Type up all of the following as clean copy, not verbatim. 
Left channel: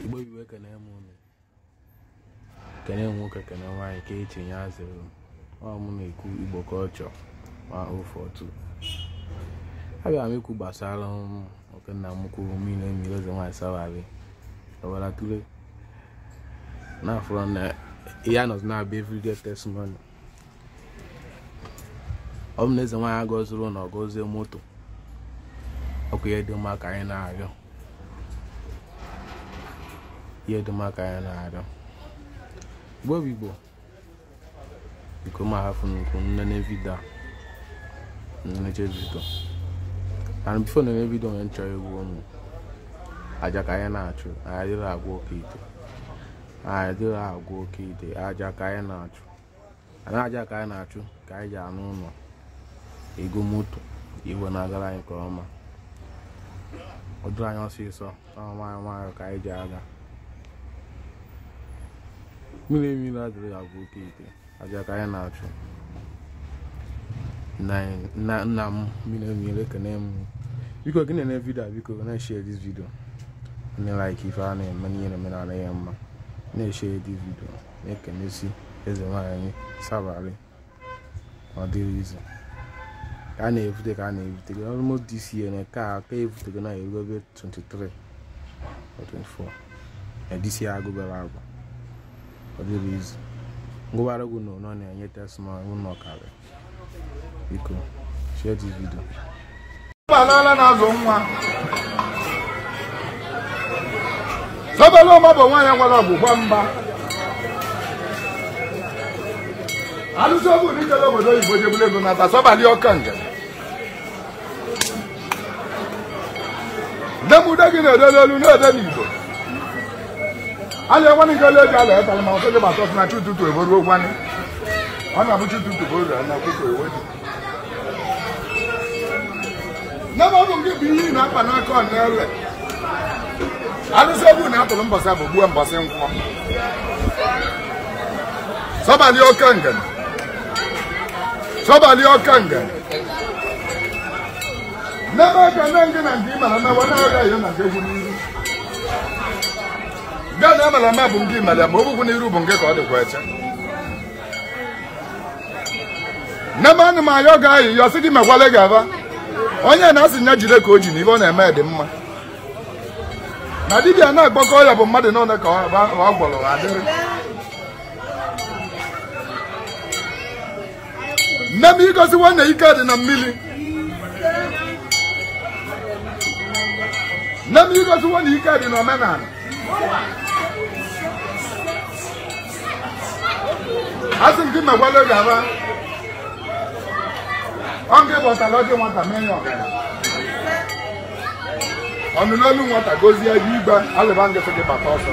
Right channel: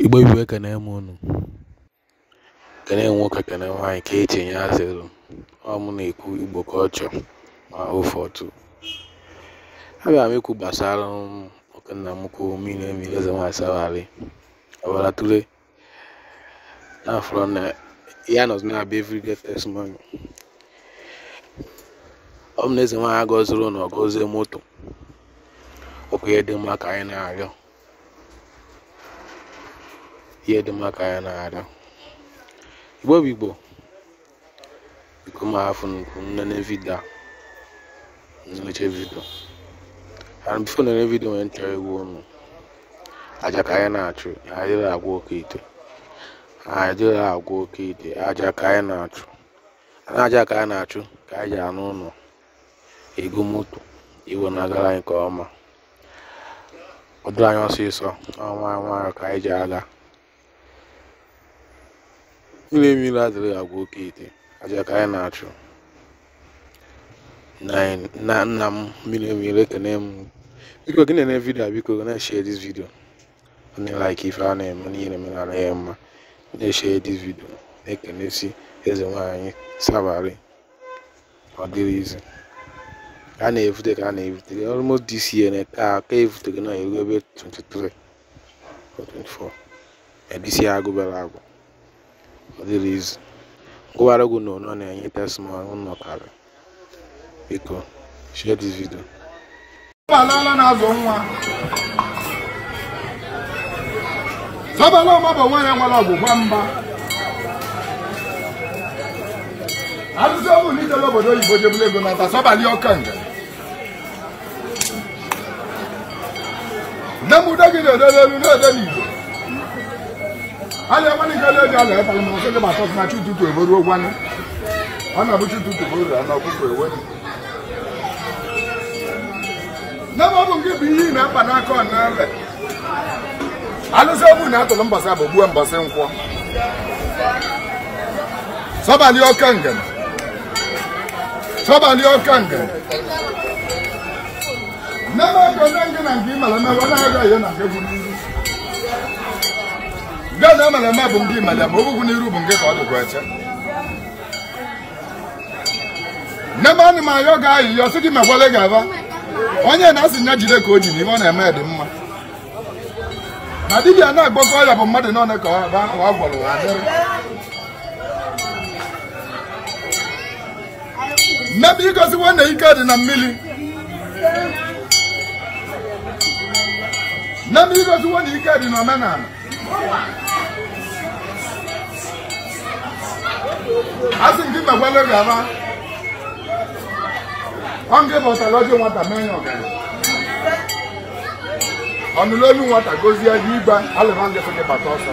Igbo iwe kene munu kene nwoke kene nwaanyị ka echenye azelu ọ na ekwu Igbo culture ma ofotu abịa m ekwu gbasara okenna m kwu mmiri Ezenwanyi Sawali ọbara tule na afro na ya nọ na be everyday testimony na Ezenwanyi agọzuru na ọgọzie moto ọkụ ya dị mma ka anyị na-arịọ ihe dị mma ka anyị na-arịọ Igbo bụ Igbo biko ma hafụ nne video nneche video and before nne video nwere nchọrọ egwu ọnụ aja ka anyị na-achụ adịrị agwa oke ite aja ka anyị na-achụ aja ka anyị na-achụ ka anyị ji anụ ụlọ ego moto iwe na-agara anyị nke ọma ọ dịrị anyị ọsịsọ ọnwa ka anyị ji aga mmiri adịrị agwa oke ite aja ka anyị na-achụ nna m mmiri ekene m biko gị na video biko na-share this video onye like ife a na-eme n'ihe na-eme n'ala ya mma na-share this video na-ekenesi Ezenwanyi Sawali ọ dịrị izu a na-evute ka a na-evute almost this year na ka evute na eru ebe 23 or 24 this year agụbara agụ ọ dịrị izu ngwara gụ nọ na-enye testimony ụnọ kara biko share this video alala na-azụ nwa Sawali ọma bụ nwa ya gbara ọgwụgwa mba arụsị ọbụ na ijele obodo oyibo jebụla ego na Sawali ọka nga nne m ude gị na-ede n'elu na-ede n'Igbo anya nwanne ijele ego a na-etara ma ọsọ gị ma tọsị na chututu eboru ogwanye ọ na-abụ chututu bụ oru na ọkụkọ ewedu nne m ọ bụ nke bụ ihe na-akpa n'aka ọ na-ewe alụsị ọbụ na atụrụ mbọsị abụ gbuo mbọsị nkwọ Sawali ọka nga Sawali ọka nga nne m ego ndị nke na nke ịmara na mmadụ agha ya na nke bụ n'iru gaa na amara ma bụ nke ịmara ma obụkwu n'iru bụ nke ka ọ dịkwa eche nne m anụ m ayọ ga-ayị ya ọsị gị mekwale gaba onye na-asị nya jide ka o ji na ibe ọ na-eme dị mma na dibia na-agbakọ ọrịa bụ mmadụ n'one ka ọ gwọrọ adịrị nne m igoziwo na ike dị na mmiri nne m igoziwo na ike dị na omenala asị nke megwale gaba ọ nke bọtara ọjị nwata mee ya ọgara ọnụnụ olu nwata gozie gị igbe alụba ngịsị gị bata ọsọ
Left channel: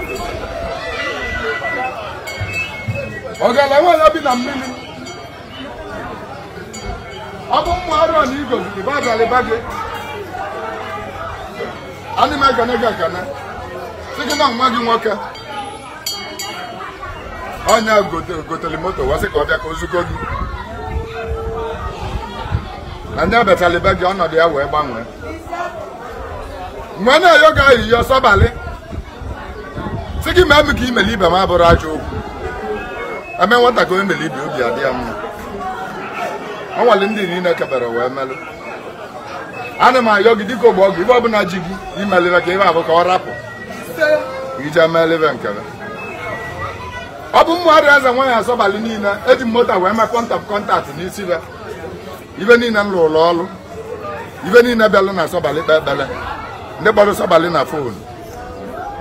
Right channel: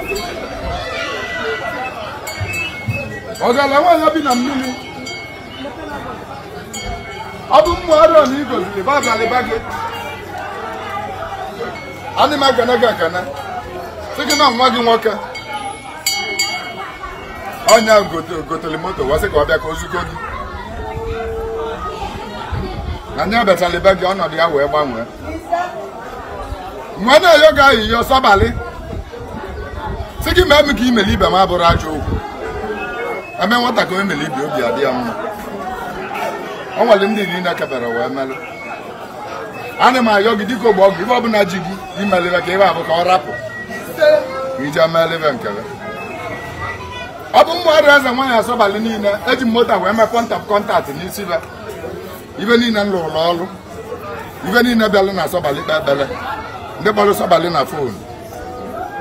ọgara nwaanyị bi na mmiri ọ bụ mmụ arịọ na igoziri babịalịba gị adị m ekene gị ekene sị gị na nwa gị nwoke onye gotere moto wasị ka ọ bịa ka o zuke gị na nya bechalịba gị ọnọdụ ya wee gbanwee mgbe na-ayọ ga ayịyọ Sawali sị gị mee m ka imeli ibe m abụrụ ajọ okwu eme nwata ka o emeli ibe obi adị ya mma ọ nwere ndị niile kebere wee melụ ana m ayọ gị dịka ogbe ọgwụ ibe ọbụla ji gị imelire ka ebe abụ ka ọ rapụ ka ije meelive nkele ọ bụ mmadụ Ezenwanyi Sawali niile eji moto wee mee kọntaktị n'isi be ibe niile m lụrụ ọrụ ibe niile bịalụ na Sawali kpe ekpere ndị kpọrọ Sawali na fonu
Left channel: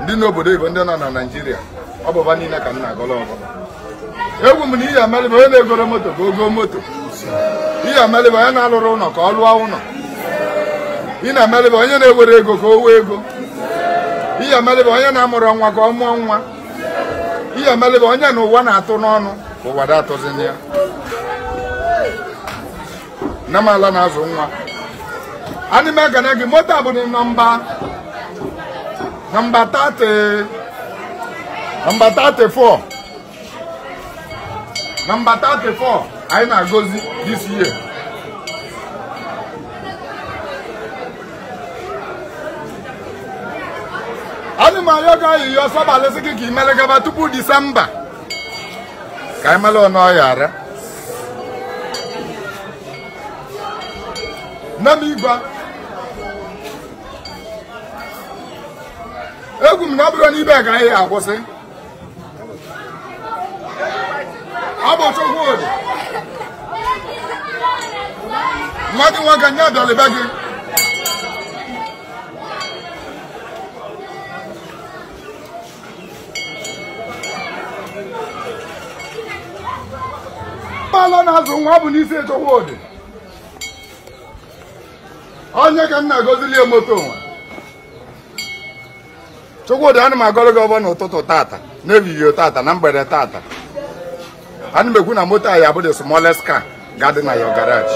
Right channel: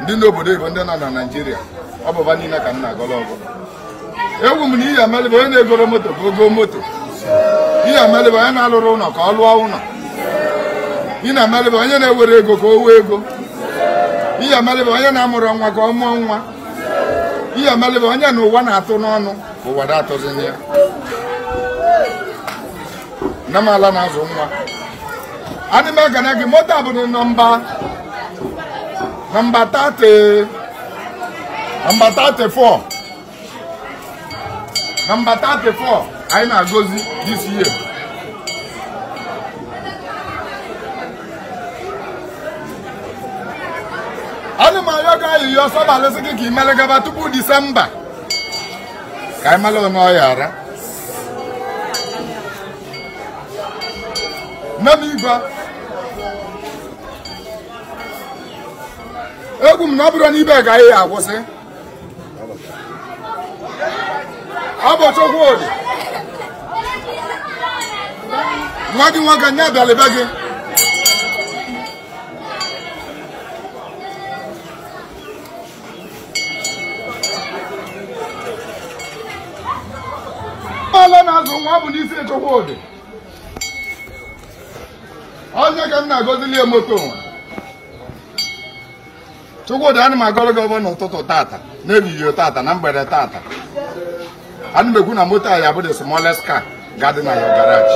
ndị n'obodo Igbo ndị nọ na Naịjirịa ọ bụba niile ka m na-agọrọ ọgọ egwu m na ihe emelibe onye na-egoro moto ka o goo moto ihe emelibe onye na-alụrụ ụlọ ka ọ lụọ ụlọ ihe na-emelibe onye na-ewere ego ka o wee ego ihe emelibe onye na-amụrụ nwa ka ọ mụọ nwa ihe emelibe onye na ụwa na-atụ n'ọnụ ụwa da atụzini ya nne m ala na-azụ nwa adị m ekene gị moto a bụ nọmba 34 nọmba 34 anyị na-agọzi this year Ani ma na-ayọ ga ayịyọ Sobail sị gị ka ị mere gaba tupu Disemba ka anyị mara ọnụ ọya ara nne m igwe egwu m na ọ bụrụ n'ibe agaghị ya akwụsị ọ bụ Chukwudị nwa gị nwoke nye abịala be gị ọla na-azụ nwa bụ n'isi Chukwudị onye ka m na-agọzili moto nwa Chukwudị ana m agọrọ gị ọbọ n'ụtụtụ tata n'ehihie tata na mgbede tata ana m ekwu na moto a ya bụ the smallest car ga-adị na ya garage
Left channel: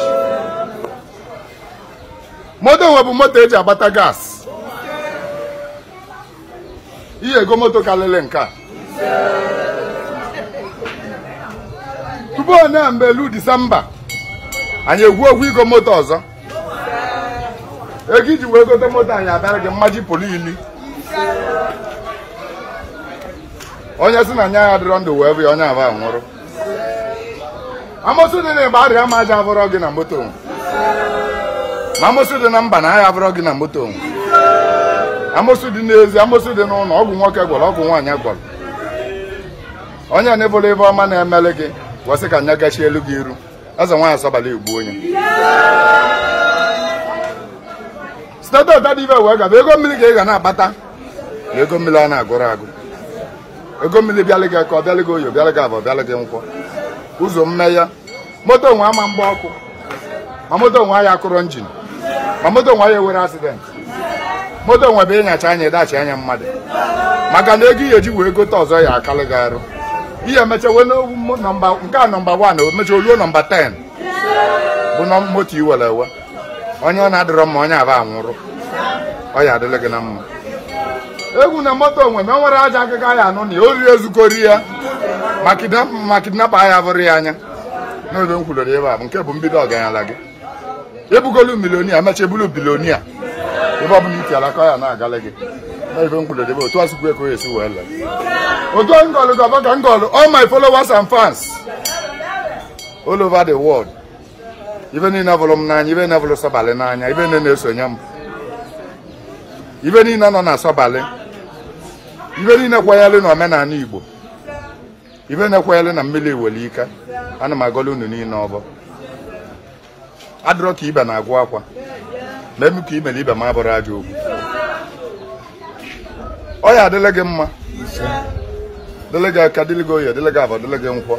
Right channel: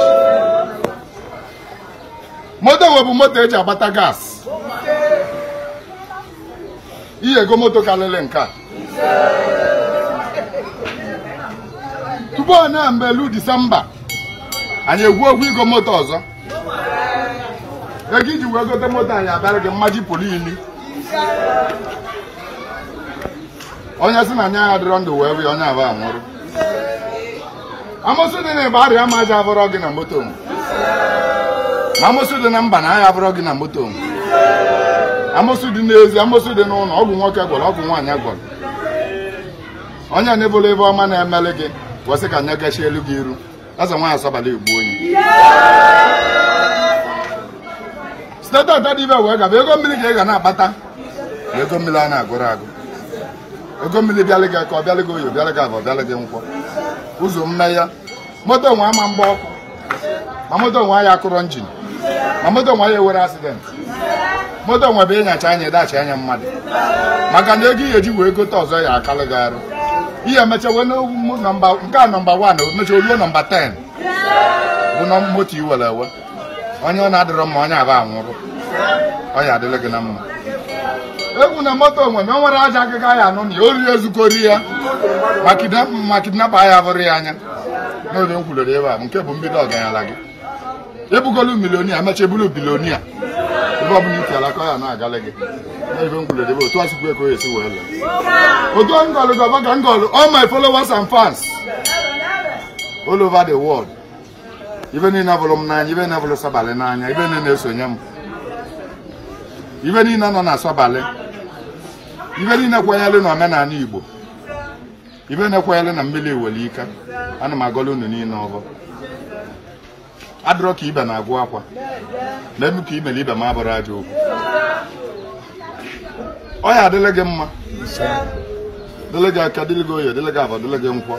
moto nwe bụ moto eji agbata gas ihe ego moto karịrị nke a tupu onye mgbe elu Disemba anyị egwu ogwu igo moto ọzọ ego iji wee gote moto anyị abịara gị mmaji pụrụ imi onye sị na anya ya dịrọ ndụ wee bịa onye aba nwụrụ amosu dị na ịgba arịa ma aja abụrọ gị na moto na amosu dị na mba na agha abụrọ gị na moto amosu dị n'ezi amosu dị n'ụlọ ọgwụ nwoke gwọrọ ọgwụ nwaanyị gwọrọ onye na-ebola ebe ọma na-emele gị gwasị ka anya gachi elu gị iru Ezenwanyi Sobail egbu onye site ọta dị ibe wee gaba ego mmiri ka ị ga na-akpata na ego mmiri a na-agụrụ agụ ego mmiri bịalị gị ka ọ bịalị gị oyo bịalị gị abụọ bịalị gị nkwọ ụzọ mmanya moto nwe ama mgba ọkụ ma moto nwe ya akụrọ njin ma moto nwe ya ewere asidenti moto nwe bụ ịnyacha anya ịdachi anya mmadụ maka na ego ihe eji wee gote ọzọ ya akalị gị arụ ihe emechawe nọmba nke a nọmba 1 emecha oruo nọmba 10 bụ na moto iwere ewe onye ọ na-adịrọ mma onye aba anwụrụ ọ ya adịla gị na mma egwu na moto nwe na o nwere aja akịka ya anụ na ya oriri ezukọri ya ma kidnapa ya bụrụ ya anya n'oge m kwulere ebe a bụ nke bụ mbido ọgaranya gị ebugolu milionia emecha ebulu bilionia ebe ọ bụla ike alaka ya na-agala gị n'oge m kwulere ebe otu ọsụkwu ekwe esi wee lee otu ngọlụ gọbọga ngọlụ all my followers and fans all over the world ibe niile bụrụ m n'anya ibe na-ebụrụ Sobail n'anya ibe na-esonye m ibe niile nọ na Sobail ibe niile kwanyelụ na omenala Igbo ibe na-ekwanyelụ na mmiri iwere ike ana m agọla unu niile ọbọ adịrọ ka ibe na-agwụ akwa na emu ka imere ibe m abụrụ aja okwu ọ ya adịle gị mma dịle gị aka dịle gị oyi dịle gị abụọ dịle gị nkwọ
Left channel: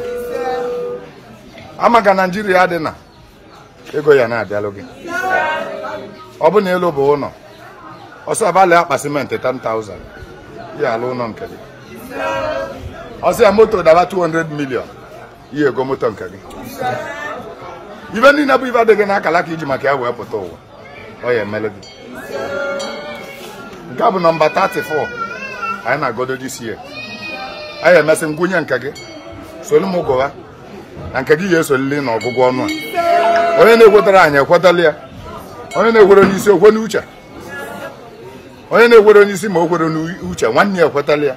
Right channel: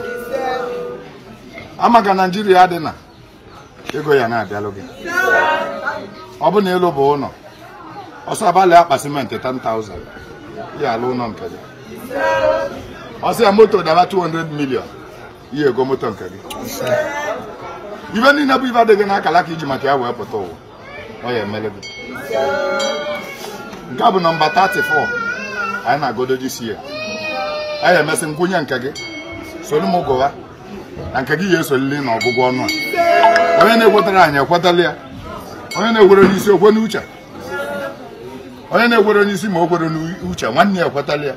ama ka Naijiria dị na ego ya na-abịalụ gị ọ bụ na elu bụ ụlọ ọsọ abalị akpa simenti 10,000 ya alụ ụlọ nke gị ọsọ ya moto daba 200 million ihe ego moto nke gị ibe niile bụ ibe adịghị n'akala ka iji maka ya wee pụta ụwa ọ ya emele gị nke a bụ nọmba 34 anyị na-agodo this year anyị emesị ngwunye nke gị soli m ụbụwa na nke gị ya esolili na ọgwụgwọ ọnụ a onye na-ekwetara anyị ekwetala ya onye na-egwere onye isi okwe n'uche onye na-egwere onye isi ma o kwere n'uche nwanne ya ekwetala ya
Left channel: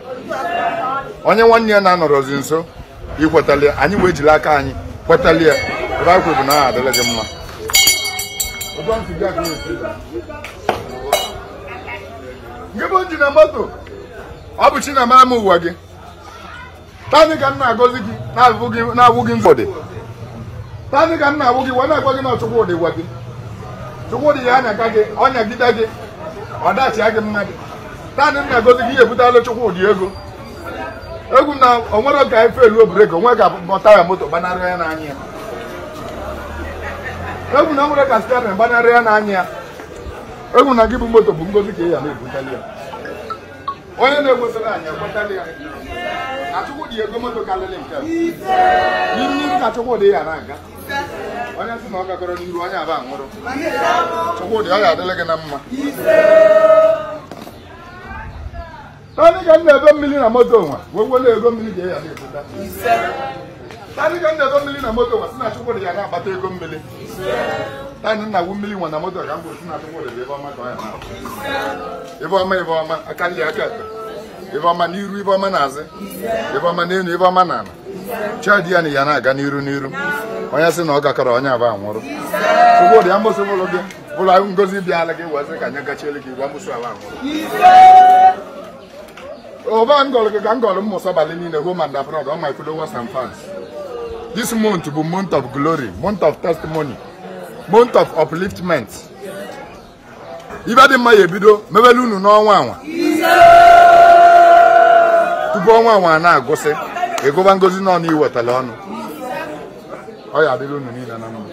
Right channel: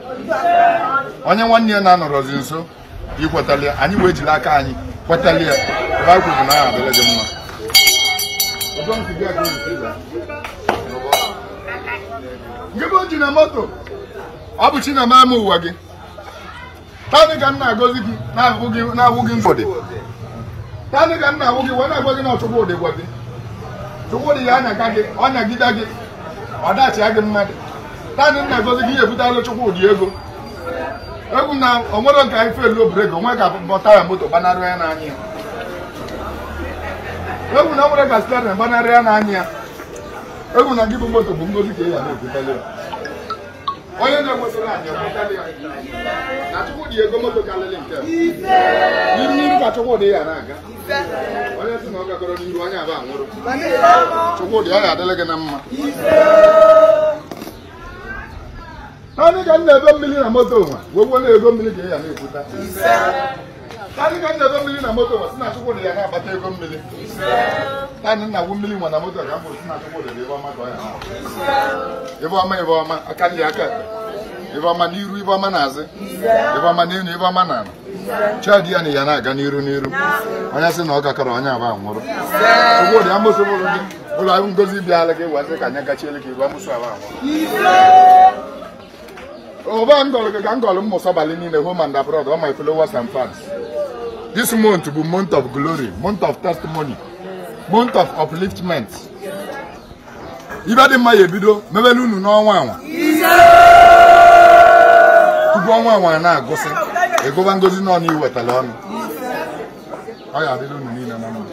onye nwanne ya na-anọrọzi nso ikwetala ya anyị wee jiri aka anyị kwetala ya baịbụl bụ na aha adịla gị mma nke bụ nji na moto ọ bụ chi na ama ụwa gị tani ka m na-agọzi gị na-awụ gị nzọdị tani ka m na-awụ gị wee na-agwa gị na Chukwudị gwa gị Chukwudị ya anyaka gị ọnyagide gị ọ dachia gị mmadụ tani m na-agọzi gị ebutala Chukwudị ego egwu na onwere oge anyị feluo breki onwe ga-abụta ya moto gbanarị ya n'anya ya egwu na onwere ga site na gbanarị ya n'anya ya egwu na gị bụ moto bụ ngozi ka ya na-ebutali ya onye na-egwesịrị anyị ekwetali ya na Chukwudị ego moto karịrị nke n'iru ka Chukwudị ya na-aga onye sị na ọ gagoro n'iru onye aba nwụrụ Chukwudị ọ ga-adịrị gị na mma tani ka m na-ebe mmiri na moto nwa wee were ego mmiri ka ya na-ebute tani ka m na-ebe mmiri na moto nwa si na Chukwudị ya na-agbata ego mmiri tani nna gwu mmiri nwa na moto ka m bụrụ si na Chukwudị ebe ọma ka ọ ya ebe ọma aka ndị aka ife ọma n'iru ife ọma n'azụ ife ọma n'elu ife ọma n'ala chadi ya na ya na-aga n'iru onye sị na ọ gakọrọ onye aba nwụrụ ụgbọdụ ya mụsụ ụlọ gị ụlọ ngozi bịala gị wazị ka anya gachiele gị iru amụsụ aba nwụrụ Over Angol Sobail in the home and abroad, all my followers and fans. This month will be month of glory, month of testimony, month of upliftment. Even my video, maybe you know one. To go one now, go say, a go and go to know what alone. I have you know.